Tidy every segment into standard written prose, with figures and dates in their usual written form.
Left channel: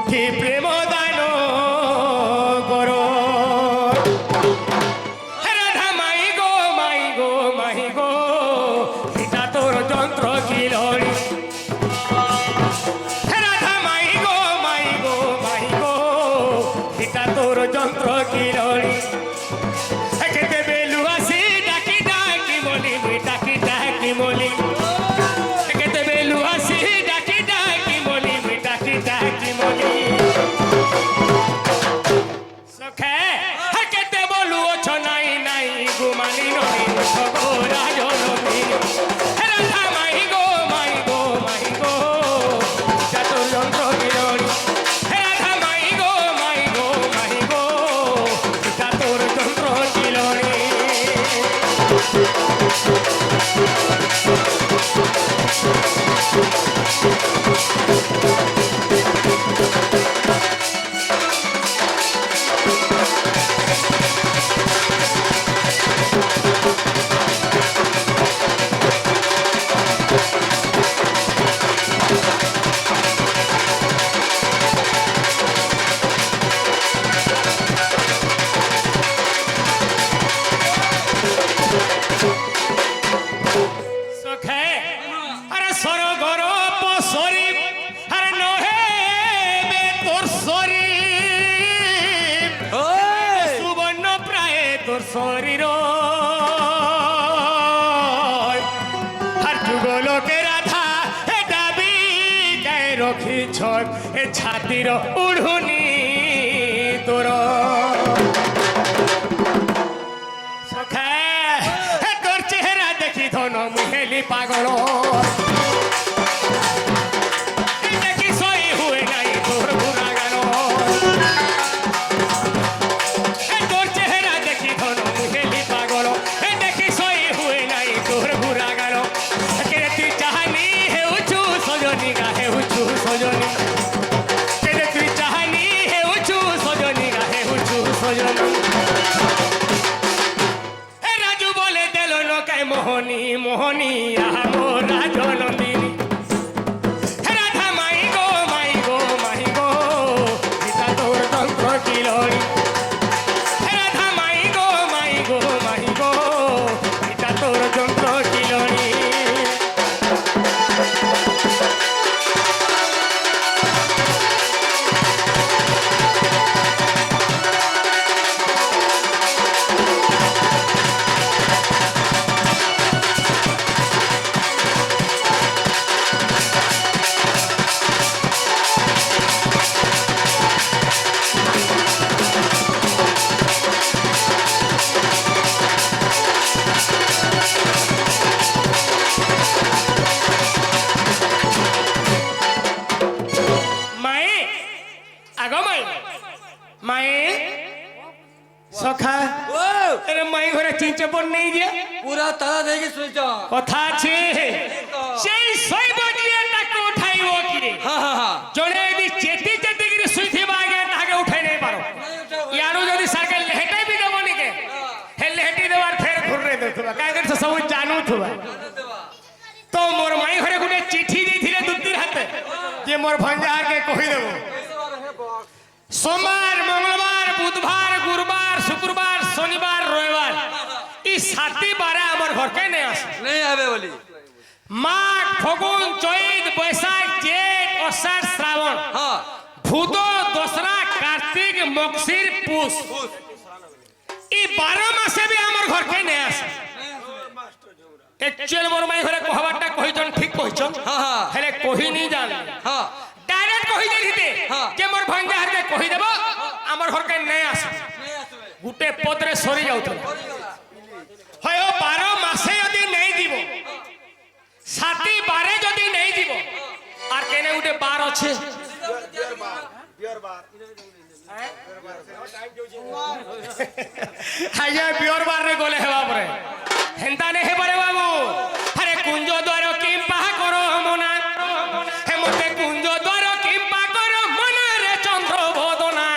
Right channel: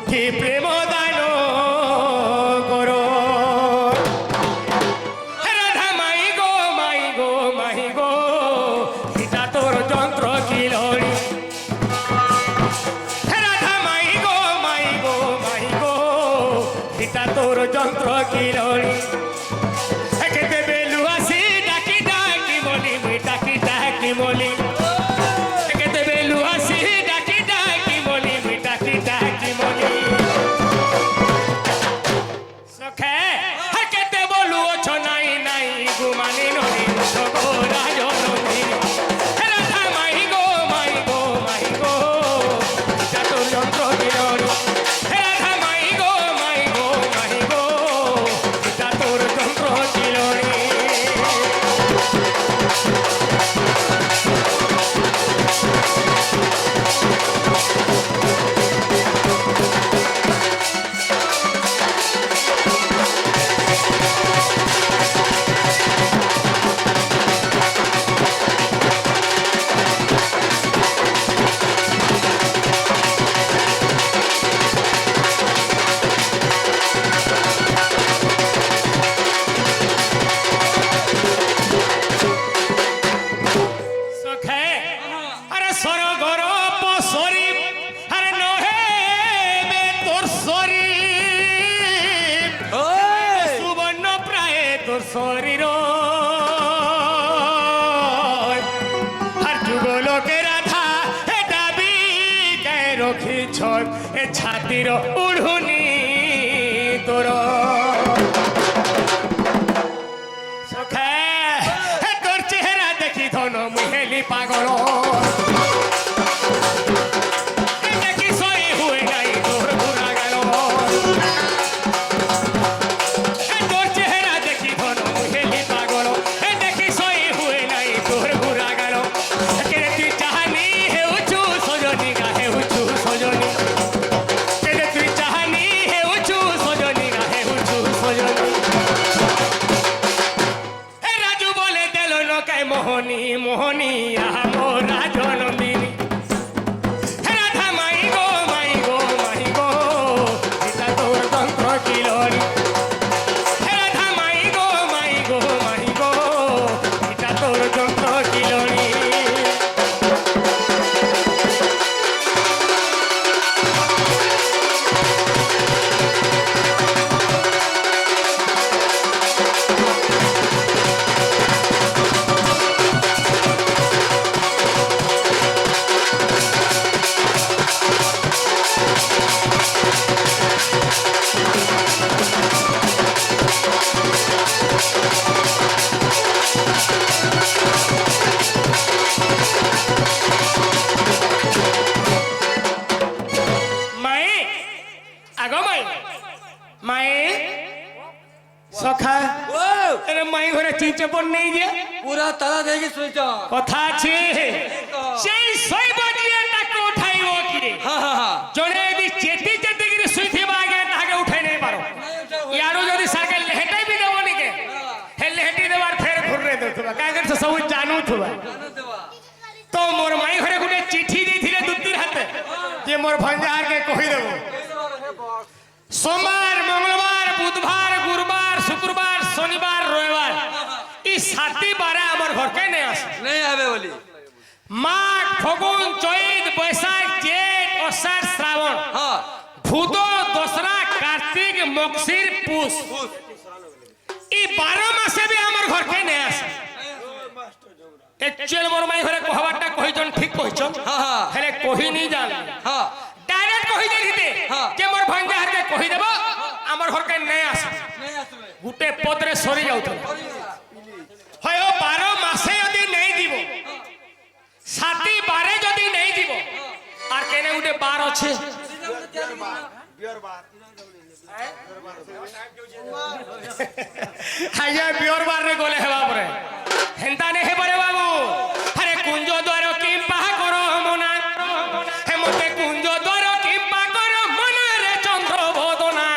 উঠি প্রেম দান করো। রাধা মাই গো মাই গো মাই গো সীতা তোর যন্ত্র কি লড়ি। রাধা মাই গো মাই গো মাই গো সীতা তোর যন্ত্র কি লড়ি। খেতে বেলু আসি ডাকি ডাকি বলি ডাকি ডাকি বলি। খেতে বেলু আসি ডাকি ডাকি বলি ডাকি ডাকি বলি। সখে কেতে বলু অছ নাই নাই গুমানি ননি সগো রাজনন্দিনী। রাধা মাই গো মাই গো মাই গো তোর যন্ত্র বিরোধী। রাধা মাই গো মাই গো মাই গো তোর যন্ত্র বিরোধী। সখে আরে সরগর পসরি আরে নহে বে তোর শরীর। সুবর্ণ প্রায় তোর শরীর আর যুগলোকে রাধা এ দাবি কে রখিছ এ ছাতির উড়ুনি তোর। সখে তোর চেহারা দেখি ধন মুহেলি পাগল। দেখি সই হুয়ে নাই তোর ঘুরা গেল। তোর চেহারা দেখি ধন মুহেলি পাগল। দেখি সই হুয়ে নাই তোর ঘুরা গেল। তুই চাহানি হেউছু সজনী গা হেউছু সজনী। তুই চাহানি হেউছু সজনী গা হেউছু সজনী। রাজু বলে দেল নকায় মোহনী মোহনী আহো রাজনন্দিনী। রাধা মাই গো মাই গো মাই গো সীতা তোর যন্ত্র কি লড়ি। রাধা মাই গো মাই গো মাই গো সীতা তোর যন্ত্র কি লড়ি। মায়ে আগো মাই মায়ে সখা আরে মাই ঘরে চিঞ্চপন নেই যে পুরা তারা দেখি শুইছ। কথা আছে সেই শৈব দিয়ে তাকে উঠাইব কিরে। জনে যদি চেতি চেতি করে শুইথিবা আগে তাকে উঠাই নেই পারো। ইয়ারু যদি সাকে লেহেটাই বি দেব নিকে হে লেহেটি দেবার ফের ঘুরে দেউথবা কাই করে সব জানুথবা। তো মোর মাই ঘরে গুটে চিঠি দিছিলে দুতির হাতে যে মোর ভঞ্জার কে কহি দেব সোমবার মঙ্গলবার বুধবার গুরুবার শুক্রবার শনিবার রবিবার এই 7টি বারে আমার ঘরকে নেই আসে। नहीं आवे बोली মাঘ ফাগুন চৈত বৈশাখ জেঠ আষাঢ় শ্রাবণ हाँ ভূত দশরা কার্তিক মকশির পুষ এই 12 মাসে বি আমার ঘরকে নেই আসে। একচুয়াল মোর মাই ঘরে কহবারটা কহিছন ঠিক কহিছন। हाँ हाँ হেলে কহি নি জান हाँ ডাইরেক্ট কহি দেখিতে হ্যাঁ। যে মোর ভাঙ্গা হাতে কহি দেব আমার ঘরকে নেই আসে। नहीं आसवे গুটে পদরে সরি যাউথল হয় 12 মাসে যদি নেই দিব 7টি বারে যদি নেই দিব আর কেনে গুটে বার আছে। আজ্ঞা বিয়র বার রে গলে হেবা পরে হেন্তা নে হে পরে বাবু। আরে কুঞ্জ দ্বার কিম্পা কর মনা হে মতে কুঞ্জ দ্বার কিম্পা কর মনা রে চন্দ্র বদনা।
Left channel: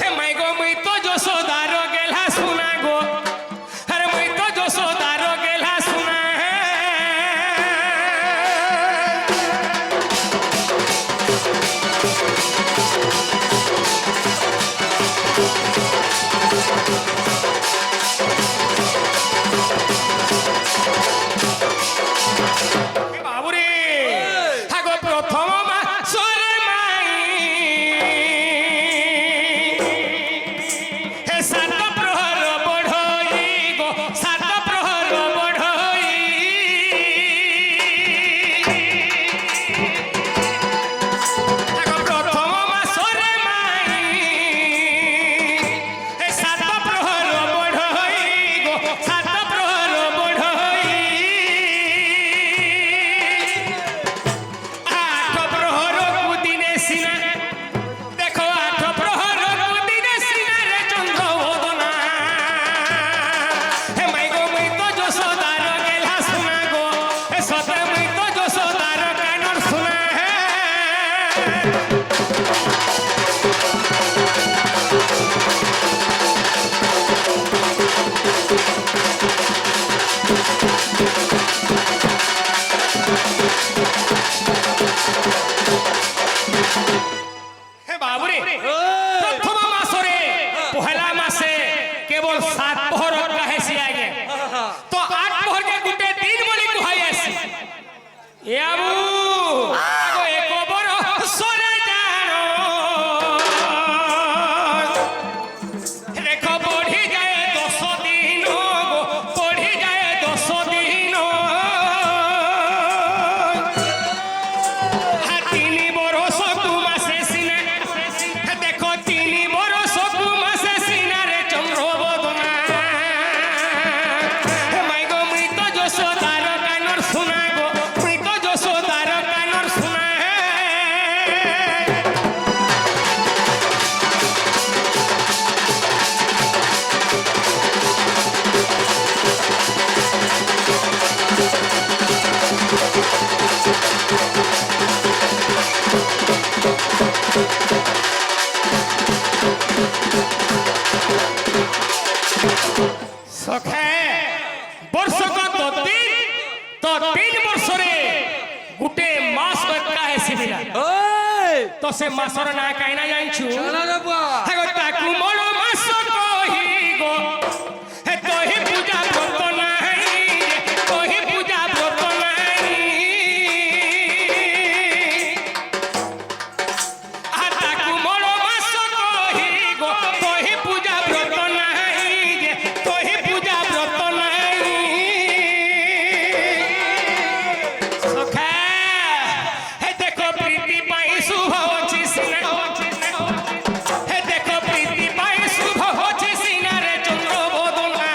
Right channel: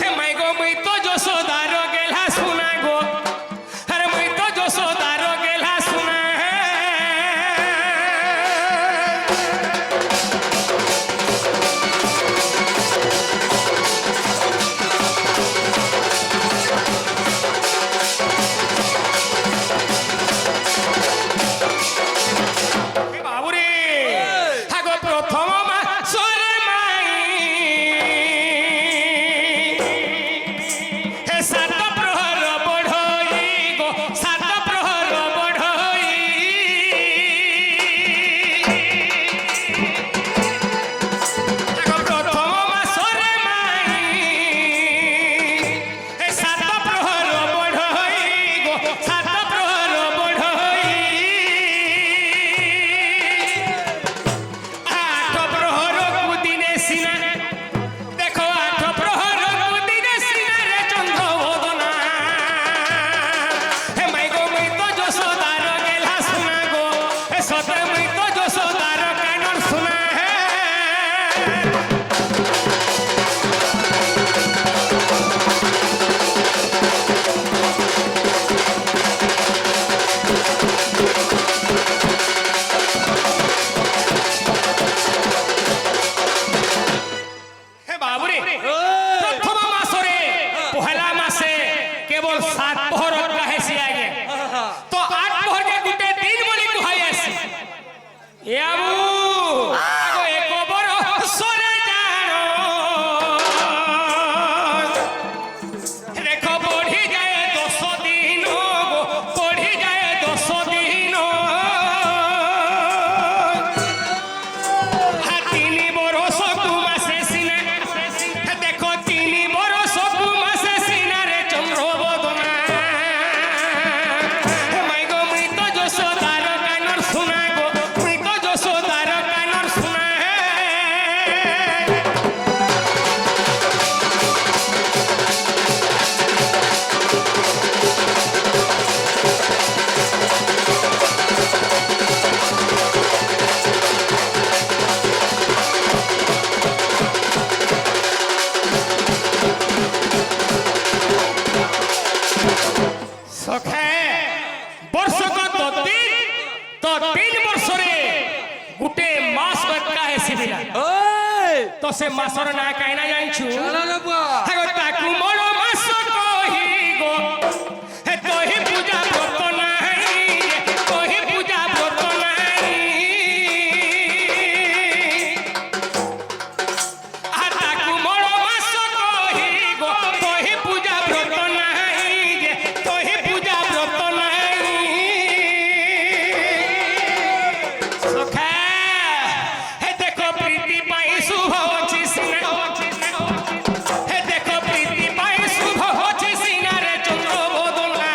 হে মাই গো মুই তো যশোদার গেলা শুনা গো। আরে মুই তো যশোদার গেলা শুনা। ପହର କାହେସି ଆଜ୍ଞା ତ 8 ପହର କେ ଗୁଟେ ଦିନ ବୋଲି କୁହାଇ ଆସି ଏ ଆବୁ ଆଗୋ ଏକ ବରଷରେ ଜାଣ ରେଖ ବଢି ଯାଏ 10 ଦିନ ଗো ବଢି ଯାଏ 10 ଦିନ ତିନି ବରଷ ତୁ ମାସେ ସିନା ଦେଖ 3 ବରଷ ତୁ ମାସେ ସିନାରେ ଚନ୍ଦ୍ର ବଦନା মাই গো মৃত যশোদার কানর শোনা গো মৃত যশোদার কানর শোনা সখে বর্ষক তো 3 বর্ষরে গুটে মাস বাক্কা হেসিবিলা ওই তো সে মাসর না কাইনা জানিছু চলা রে বুয়া হাগো তাকু মোর মাস কহি গো হে তোহি পূজা ব্রত নাই তোহি পূজা ব্রত নাই আর তাকু মোর মাস কহি গো তোহি পূজা ব্রত নাই তোহি পূজা ব্রত নাই সখা হে দেখো প্রীতি পাই শুভ হচ্ছি সিনা হে দেখো প্রীতি পাই শুভ হচ্ছি সিনারে চন্দ্র বদনা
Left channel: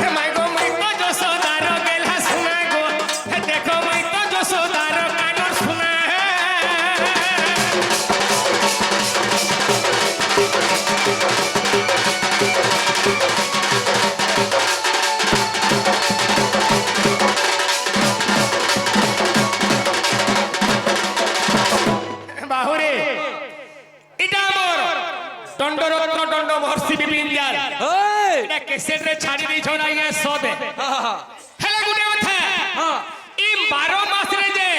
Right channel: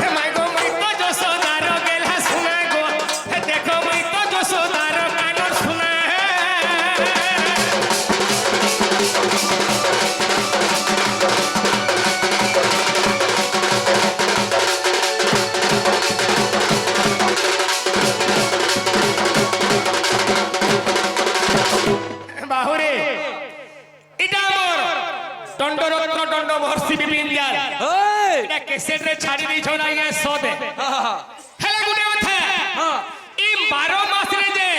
হে মাই গো মৃত যশোদার গেলা শোনা গো হে দেখো মৃত যশোদার কানর শোনা বাহুরে এটা আমার দণ্ডরত্ন দণ্ড ভর্সি বিপিন জাল ওই এটা কেসেট রে ছাড়ি দিছ না ইয়া সদে হেলে গুটে কথা হ্যাঁ ই 12 মাস রে যে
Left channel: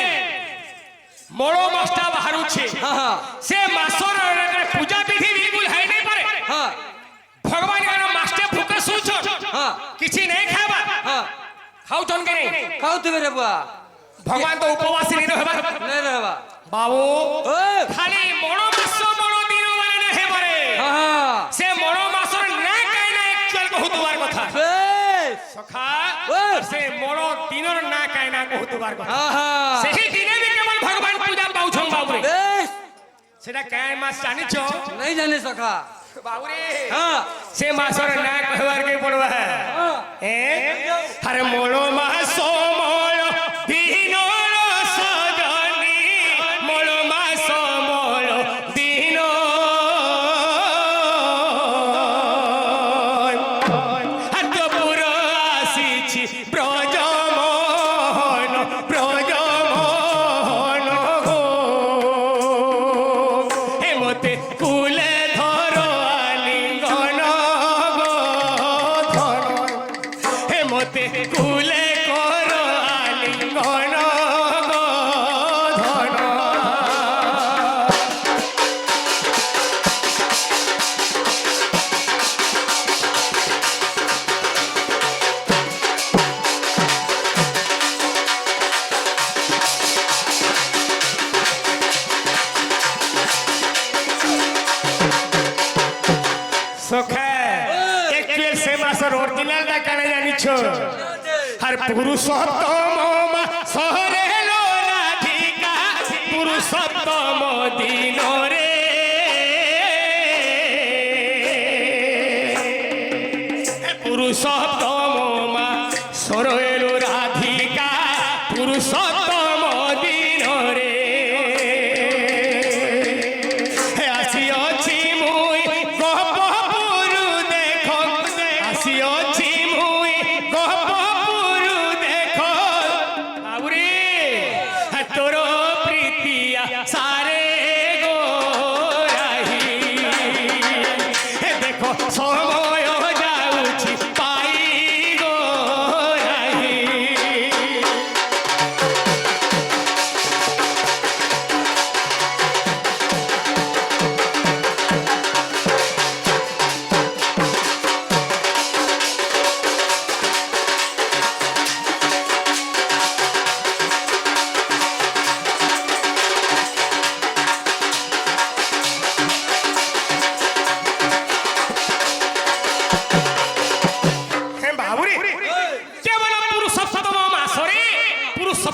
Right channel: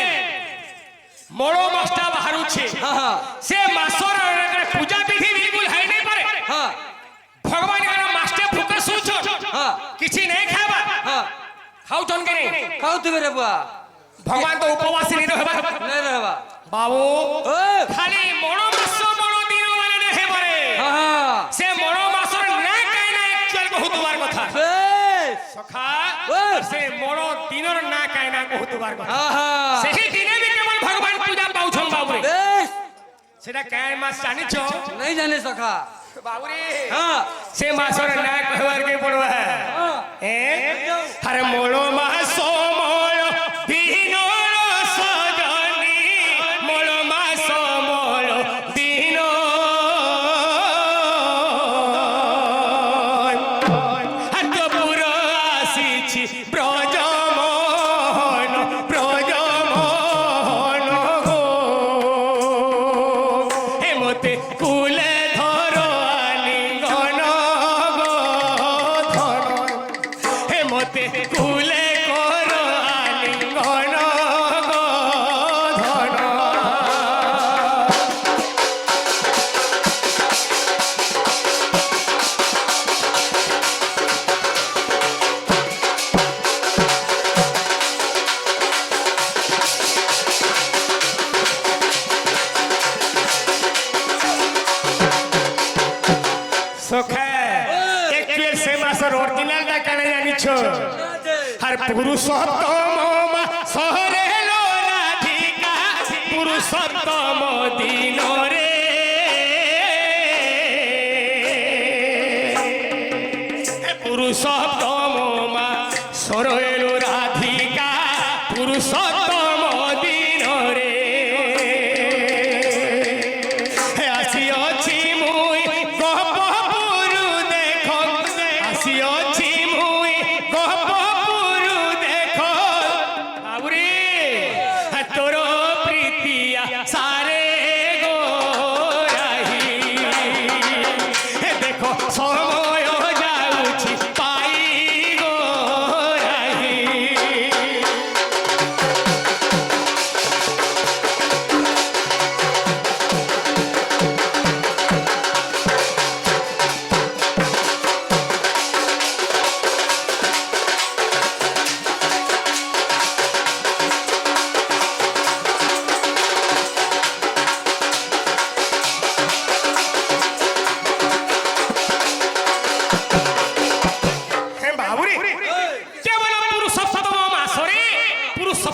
মড় মাসটা বাহারুছে হ্যাঁ সে মাসর পূজা বিধি বিলকুল হাই নাই পারে হ্যাঁ ভগবান এর মাসটে ভুকে শুছ হ্যাঁ কিছু নেই খাবা হ্যাঁ খাউছন কে নেই খাওতে রে বুয়া ভগবান তো উপবাসী নি রহবা নাই রে বাবা বাবু ওই খালি মড় মাস মড় দিন মানে নেহে পারে হ্যাঁ সে মড় মাসর না কাই না একচুয়াল কহুতবার কথা বেশ সখা ওই সে মড় দিনর না কাই না কহুতবার কথা হ্যাঁ সেই দিনে বি কেবল ভগবান পূজা পাউছন বাবুরে বেশ সেটা কাই মাস জানিছ নাই জানে সখা বাবুরে হ্যাঁ সে মাসর না কহবার কে পড়বা এ আরে মড় মাস মড় দিনর সজনী মড় মাস মড় দিন হাত পুর আসিছি ব্রজমোহন ব্রজমোহন গো হে মতে কুলে ধর আলিঙ্গন গো ধর হে মতে কুলে কর আলিঙ্গন গো ধর সখা একচুয়াল সে মাসর অরিজিনালটা কানে জানিছ আর পুরুষোত্তম শহরে রাধিকা পুরুষোত্তম দিনরে পুরুষোত্তম মা সরল রাধিকা পুরুষোত্তম দিনরে আসিଅଛି মুই গহপুরু দেখ আসিଅছি মুই গহপুরু দেখ আউরে তোর প্রীতিয়া সারে গো রাহি দেখো সময় যাଉଛି পাই গো রাহি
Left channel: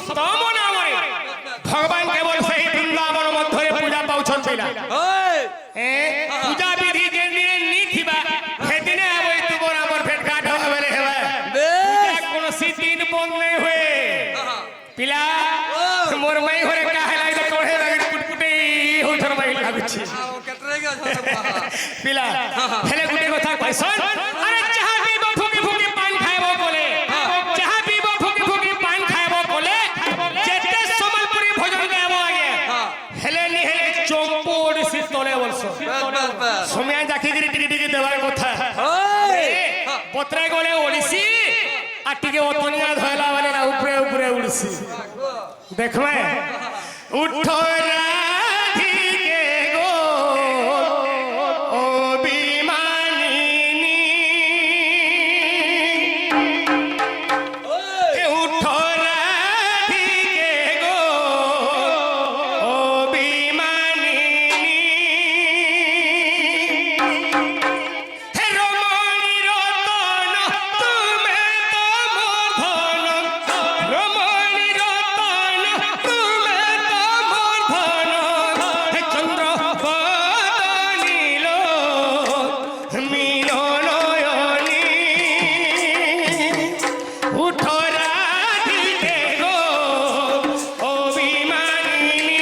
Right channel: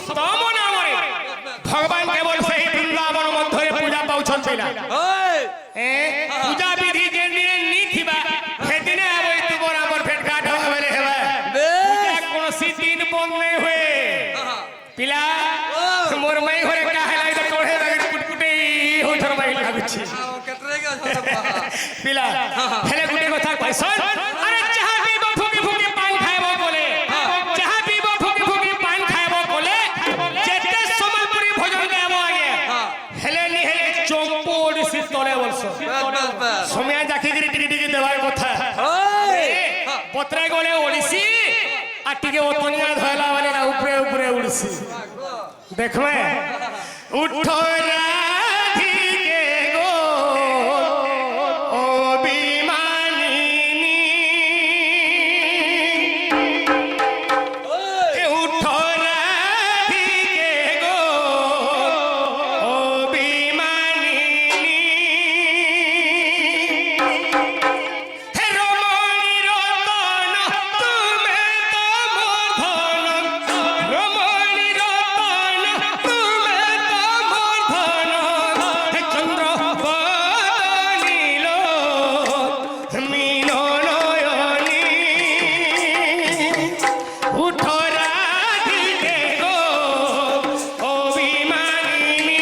সপ্তম নামরে ভগবান কেবল সেই বৃন্দাবন মধ্যে পূজা পাউছন্তি না ওই পূজা বিধি যে দিনে নি থিবা সেদিনে আবই তুমর আমর ভেট ঘাট হবে হেবা পূজা কোনসি দিন বন্ধ নাই হুয়ে পিলা মোর মাই ঘরে কাহে লাগি তোড়ে লাগি কুটকুটে হোথর মাই লাগুছি কেটরে গেছ পিলা হেলে গুটে কথা কইছন আরে চাহা পিব ফুকি ফুকি পান খাইব বলে চাহা পিব ফুকি ফুকি পান খাইব বলে যেতে সম্বলপুরি ভোজন দেব আগে হেলে নি হেলে চম্পড় সি তলে বলছ সময় জাকি গিরি টিকি টিকি দেবার কথা ওই পত্রে গলে ওড়িছি আর টিকে অতনিয়া ধয়লা বলে না উপরে উপরে উড়ছি দেখবে উঠো রাধিকে গো ও বিমানিনী এ উঠো রাধিকে গো ও বিমানিনী হে রমণী রতন তুমি তো মোর ধন রমণী রতন তুমি তো মোর ধন হে চন্দ্র বদনিল মিলনয়নী উঠো রাধিকে গো ও বিমানিনী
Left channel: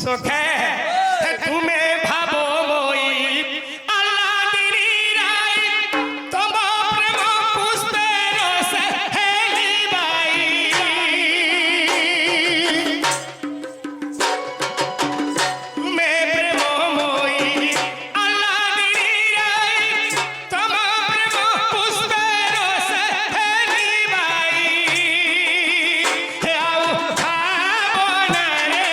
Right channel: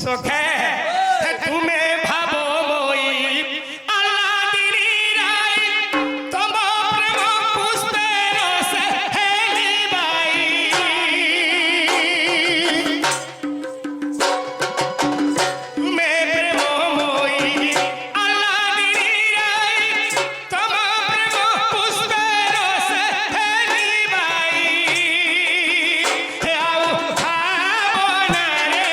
সখে তুমি ভাবো মই আল্লাদিনী রাই তব প্রেম পুষ্পের রসে হেলিবাই তুমি প্রেম মই আল্লাদিনী রাই তব প্রেম পুষ্পের রসে হেলিবাই হে আও ভাবনা রে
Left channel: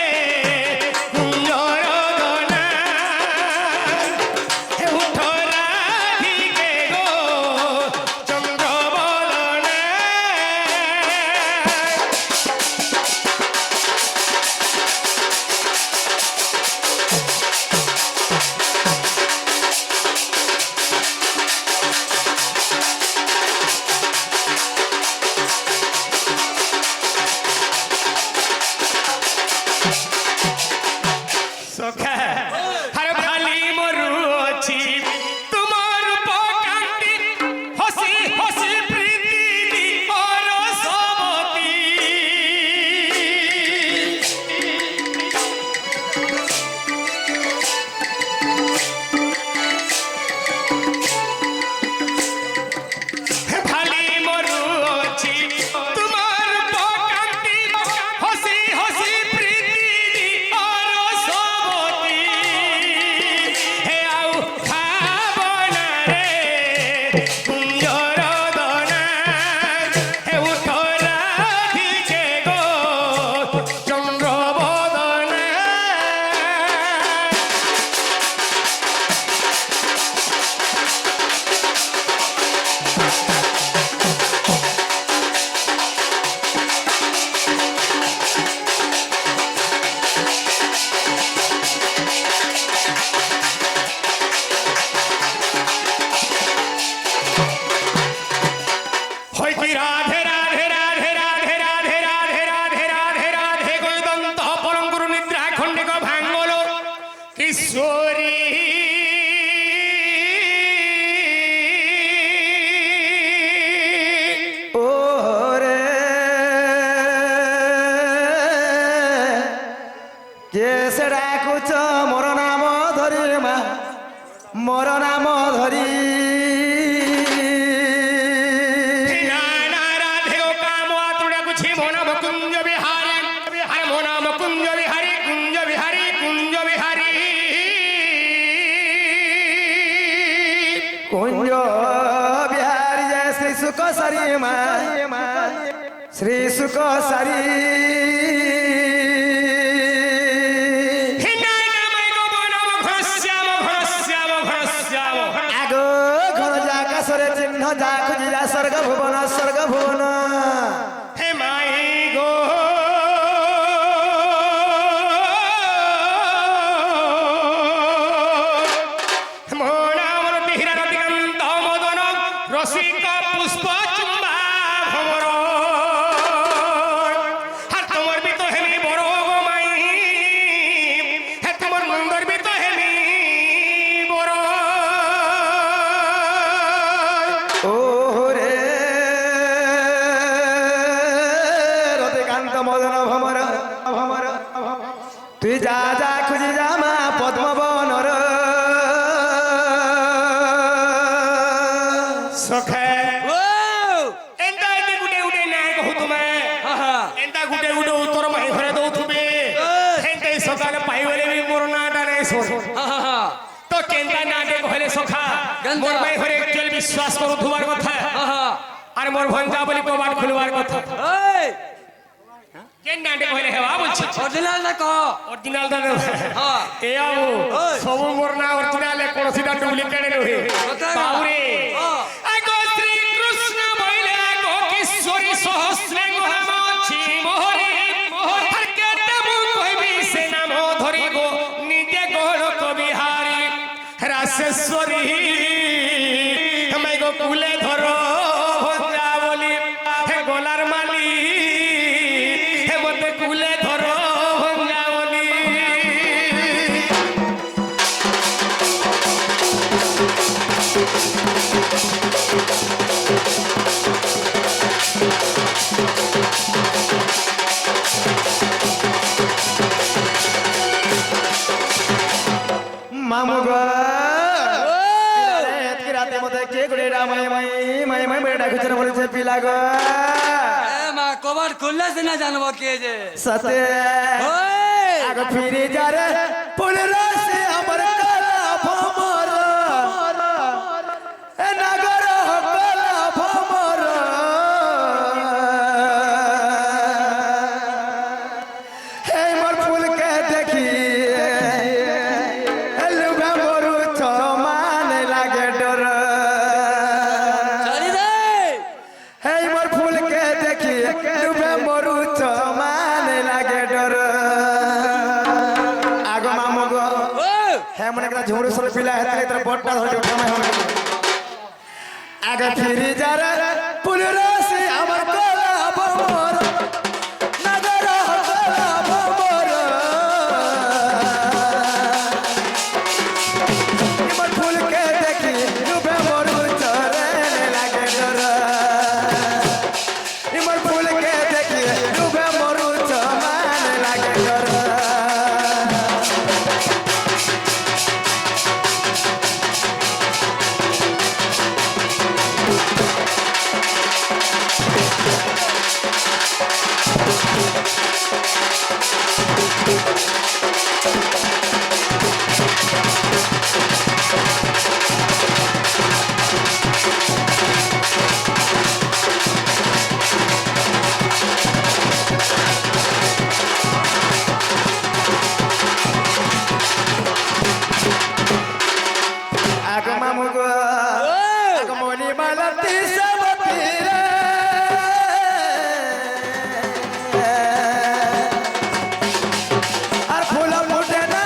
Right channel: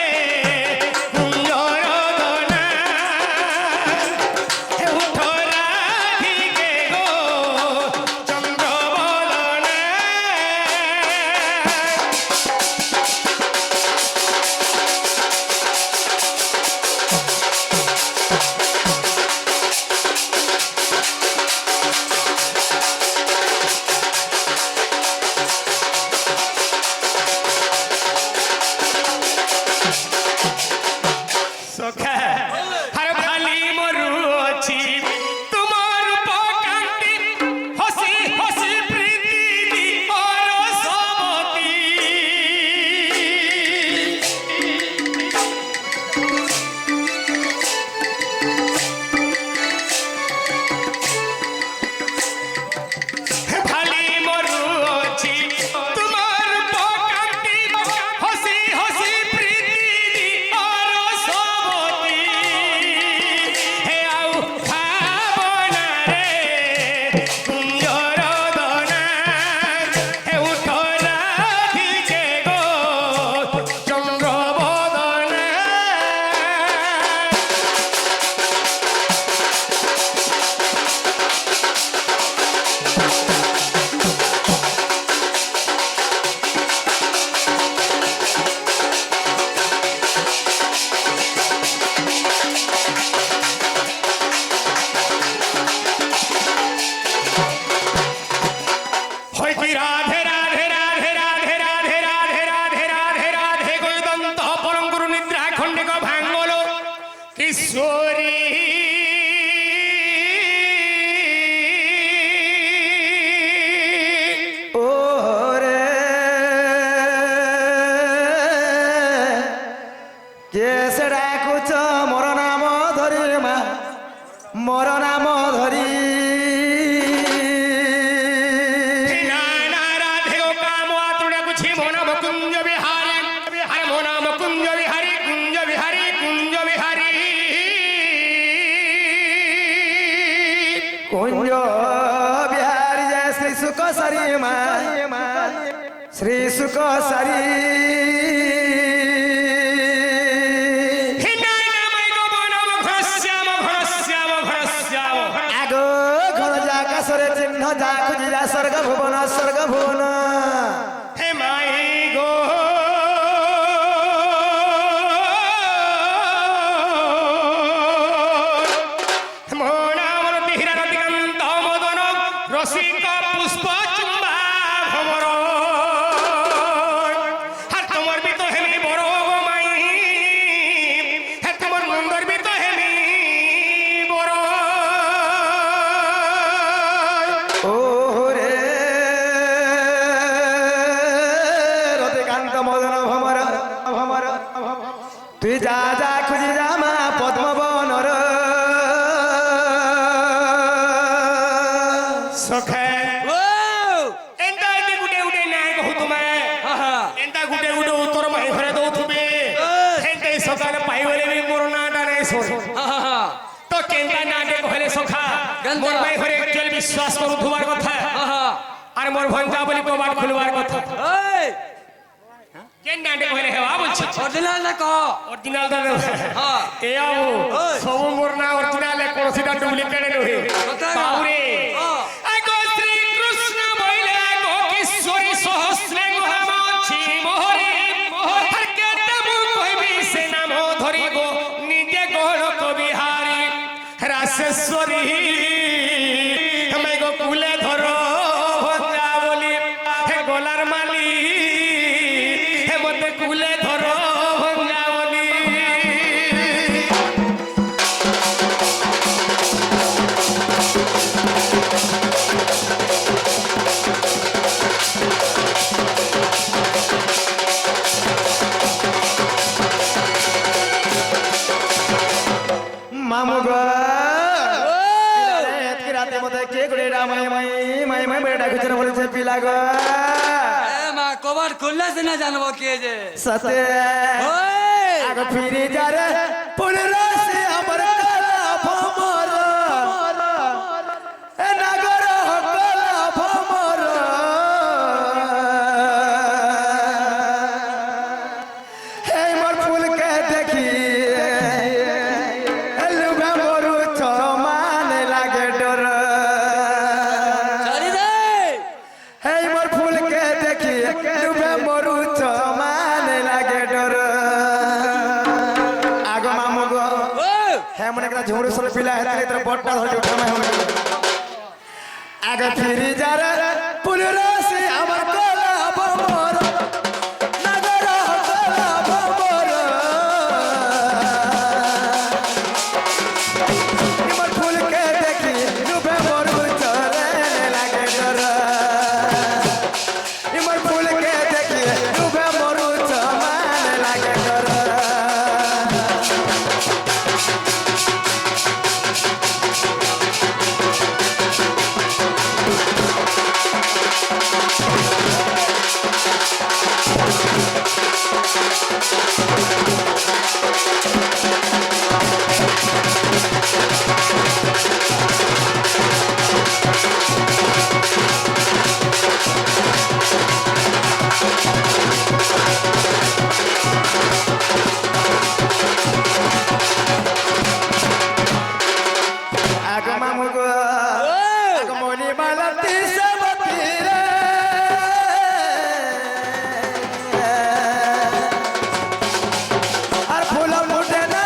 সখা হর ভালি মরু অছি তোমার পকান্তি হসি হসি প্রীতি দি অরসবতী ভালি মরু অছি তোমার পকান্তি হসি হসি প্রীতি দি অরসবতী হে আউ ভাবনা রে কুঞ্জর দনা হে উঠো রাধিকে গো চন্দ্র বদনা হইতি রাধে রাধে রাধে রাধে রাধে রাধে রাধে রাধে রাধে গৈদন্ত পরম গুরু নিদ্রা খণ্ডিক ভাঙ্গল কিশোরী ও রে কেসে ডাকুছ মোর নাম ধরি মা মোর নাম ধরি নানা রাধে গো কাম আতুড়া কুছি মন কুঞ্জ বিহারি আরে মন কুঞ্জ বিহারি কুঞ্জ বিহারি কুঞ্জ বিহারি কুঞ্জ বিহারি জয় শ্রী সুখ সারি মা শ্রী সুখ সারি হে নানা মাই গো বনম ঘনশ্যাম ঘনশ্যাম ঘনশ্যাম আগো যা খুঁজি যা স্বর্গ ভুবন হে মাই গো মন আমার বিহিরার দিগন্ত মদন রসিক পুষ্প চুম্বা ভবর আর তোমার বি তো হেমি বড় গো মাই হে তোমার নন্দর বি তো হেমি বড় ও রে রতিকান্ত মদন ভমর তুই যা যা খুঁজি যা মা পদ্মবনর সখে ও এন্তা এতে গুটে গুটে নাই কহু তুমি হা এন্তা গুটে গুটে উত্তর মাই ঘরে দৌথুবে হেন্তে সকালে পাইবলে বি মোর নাটা নাই সোর হা তো কেন্তা নাটে কহলে সখা কেন্তা? মোর মাই ঘরে একচুয়ালি বিশ্বাস করু থুবার কথা হা আর মোর ভঞ্জা বলি কবাট খুলবার কথা এই কেন নাটে কহলে হেবা বলছি অরিজিনাল না কো অরিজিনাল দাদা হ্যাঁ। এ আবু ওই। সবু মোর না অরিজিনাল এ কোনসিটা ডুপ্লিকেট নহে কোথায় গা? বাউরে হ্যাঁ। আগো শ্রী কৃষ্ণ বইলে আগো কিশোরী সহস্রে গোহামছি মোহরে আর কেতে মু কইবি সে নাম ধরি গো নিজে গোড় কবিহারি রাসেশ্বরী আমি গো কুলে ধরো ভঞ্জা বলি হে গোলার মালি হে মতে কুলে ধরো ভঞ্জা বলি মামু গো এতকি রাতে মতে কে গুড়ে মাই বেটা খুচর বলেছে পিলা গো এ মা কবার খুললে সে না জানবো কে যে সতে ওই আগ ফিরে যারে পুলরা সে আমার কালা ভমর এ নগর কালা ভমর হে মোর ফুলকে দেখি লুভে মরু চমান লাগে ডর চলি দে হে মোর ফুলকে দেখি লুভে মরু চমান লাগে ডর আগ মামু গো ও হ্যাঁ মনে করা ঝুমুর সরে পিলা হেতে তোর বটটা ধরে উঠে মাই হবে আগে ফিরি যারে পুলরাসি আমার গলা ভমর নগর গলা ভমর আমার ফুলকে দেখি ডুবে মরু চরে লাগে ডর আমার ফুলকে দেখি ডুবে মরু চমান লাগে ডর আগ মামু গো আগ মনি মালতি সবতি রে আর ফুল ফুটে না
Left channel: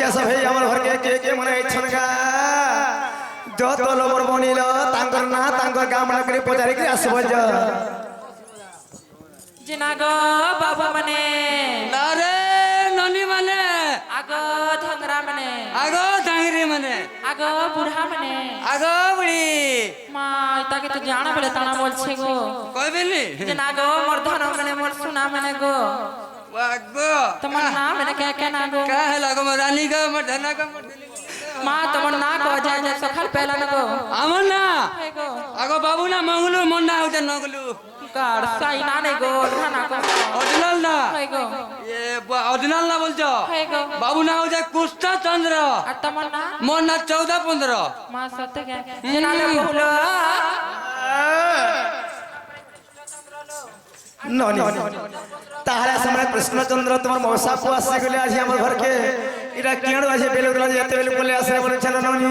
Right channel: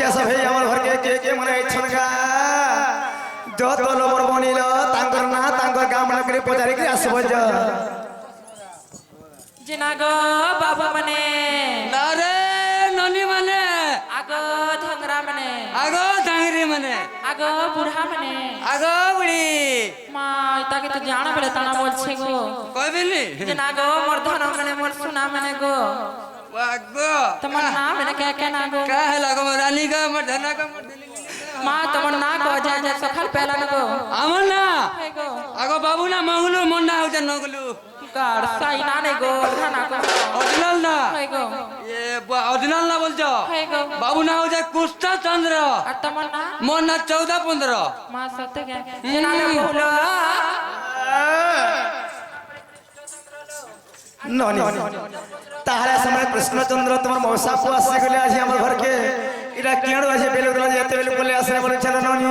বলছে সব এই আমার ঘরকে কে কে মনে হচ্ছেন গা যত লোবর বনিল তাঙ্কর না তাঙ্কর গাঁ মনে করে পচারি করে আসব জিনা গো বাবা মানে না রে ননি মানে আগো ধংরা মানে আগো ডাঙ্গরি মানে আগো বুড়া মানে আগো বুড়ি মা তাকে তো জানা বলে তানা বলছে গো কইবেনি জিনা গো মোর ধন মানে মোর সোনা মানে গো আগো তোমার নাম মানে কে কে না গো का है लागो रानी का मर धना का मर মা তোমার না গো যায় যায় সকাল পেলা না গো আমন না হে গো আগো বাবু না মঙ্গলু মন না হতে নগলু কার সাই না নে গো ধানা গো অরিজিনাল না হে গো ये অরিজিনাল না বলছো হে গো বাবু না হতে কুষ্টা চন্দ্র আর তোমার না মন না 14 15 মা সত্যি কে জিনা গো বলো ননি তাহলে সময় কৃষ্ণচন্দ্র তোমার মৌসাকু আসি গেলে আজ আমার ঘরকে এটা কেন আছে বেলুগুলা যেতে বেলু বলে আসলে বলেছিল ননি